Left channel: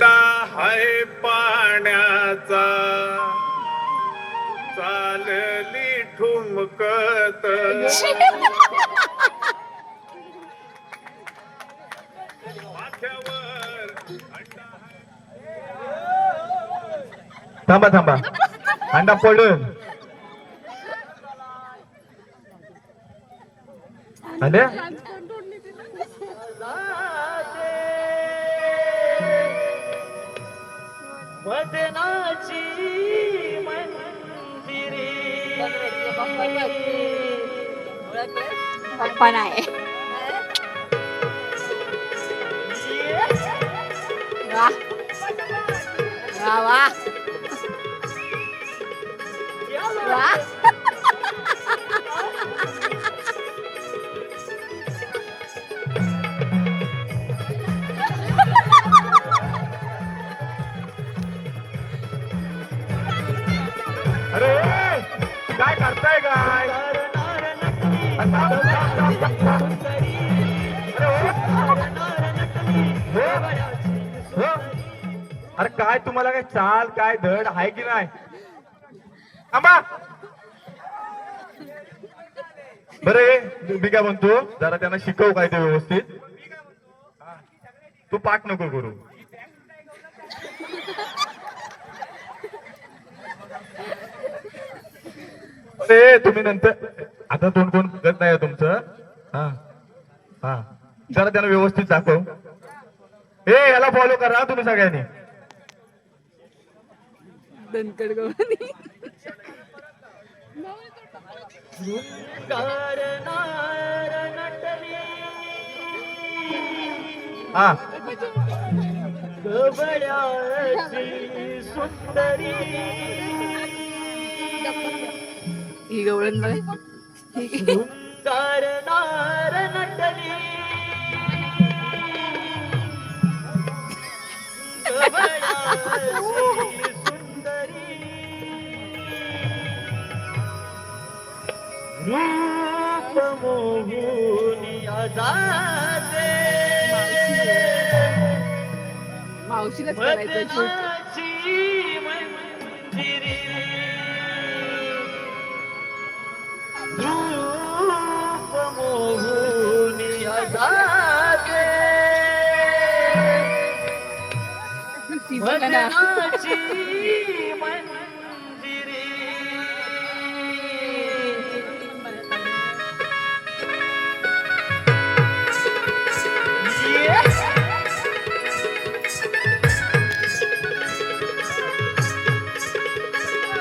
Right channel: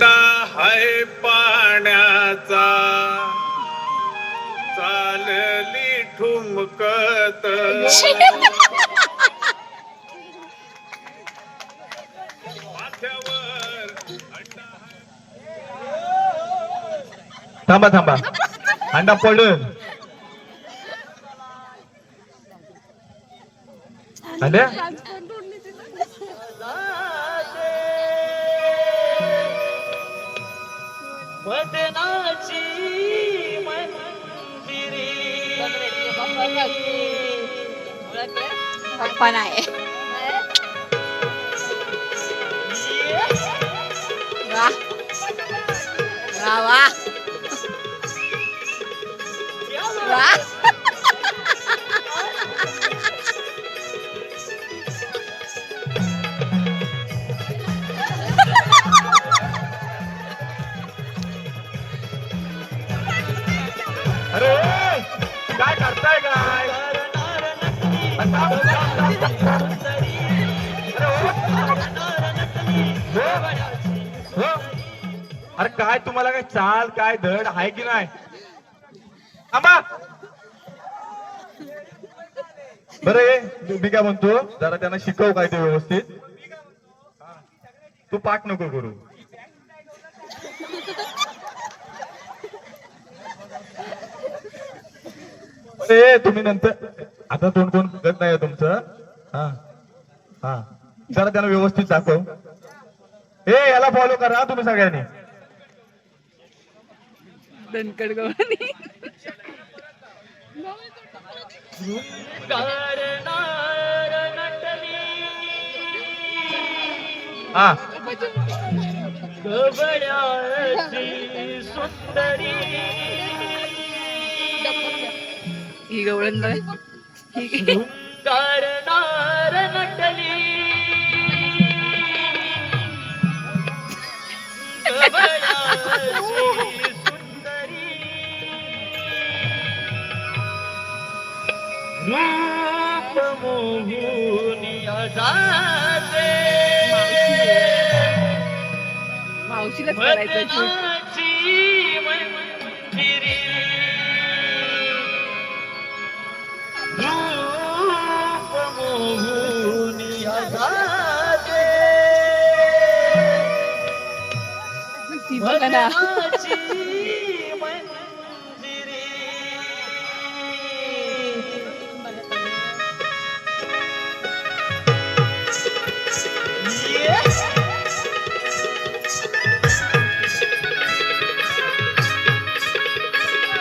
हाय पाण्याचा चालली ठुमकत थांबा थांबा अंडा पडून अंड्या वदनाची मंदिरी पप्पा नाही वा वा वा वा अरे काय करताय काय अरे काय तुम्हाला काय चाल काय धड आहे की नाही आंबा बरे मी काय म्हणतो जरा त्यांना शिकव काय ते व्यवस्थित तू पाठ नको करू अरे तुम्ही नंतर आता तोंड कोण बघत नाही तुमचं हा हा जरा त्यांना व्यवस्थित दाखव याला फॉलो करा तुम्ही सगळ्यांनी दणकड गवळणी हा गवळ्याची सुंदरी ही गवळण ही करणार नटली गवळ्याची सुंदरी रूप मोहूनिया जाते मावशीलाच करायचं शूट वदनाची मंदिरी रूप मोहूनिया जाते ती बघा ना वदनाची मंदिरी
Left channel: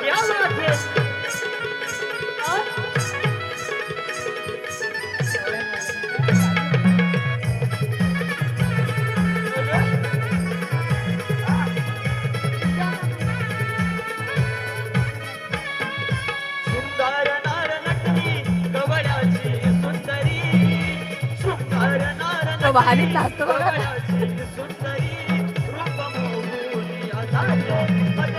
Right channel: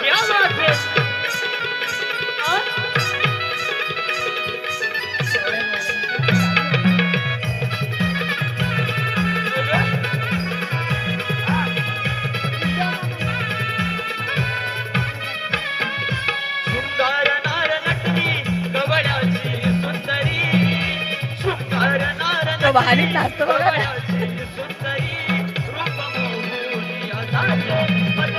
क्या बात है शृंगार नार नटली गवळ्याची सुंदरी शृंगार नार तो भारीच नाचतो बघा ना गवळ्याची सुंदरी रूप मोहूनिया जाते